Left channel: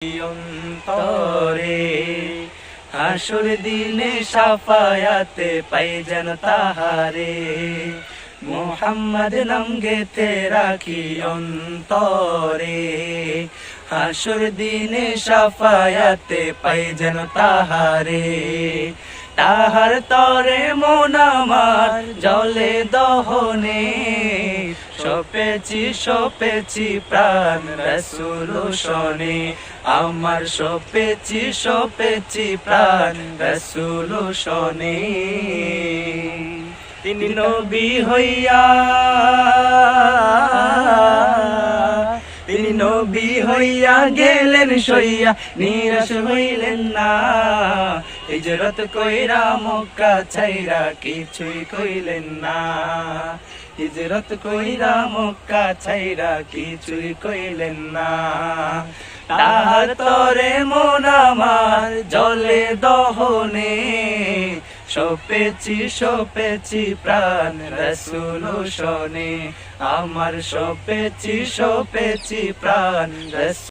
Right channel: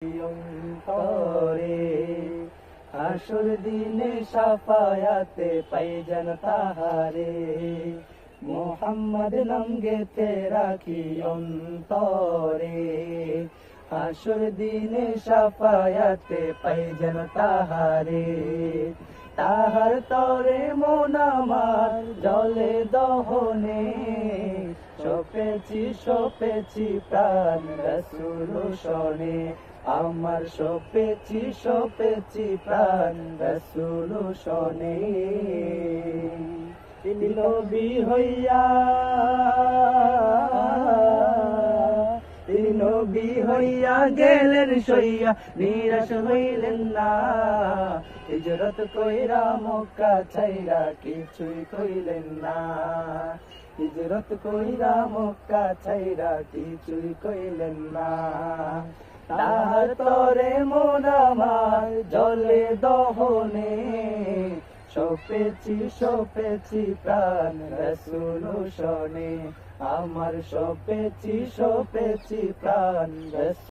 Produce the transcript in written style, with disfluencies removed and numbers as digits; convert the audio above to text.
অন্তরে হাসুর দিনে সাফায়াতে পাই যেন তাহারে মোহাম্মদ নাম গেতে রাখি অন্তরে হাসুর দিনে সাফায়াতে পাই যেন তাহারে তাহার তরে মন আমার জলে দহনে সপেছি প্রাণ রাসূল শোনে আমার সপেছি প্রাণ রাসূল শোনে তিনি নবী হইয়া গেলেন সইয়া নিরাশ হইলেন না হিজরত কইরা মক্কা ছাইরা কিছুই কইলেন না হিজরত কইরা মক্কা ছাইরা কিছুই কইলেন না তাহার তরে মন আমার জলে দহনে সপেছি প্রাণ রাসূল শোনে আমার সপেছি প্রাণ রাসূল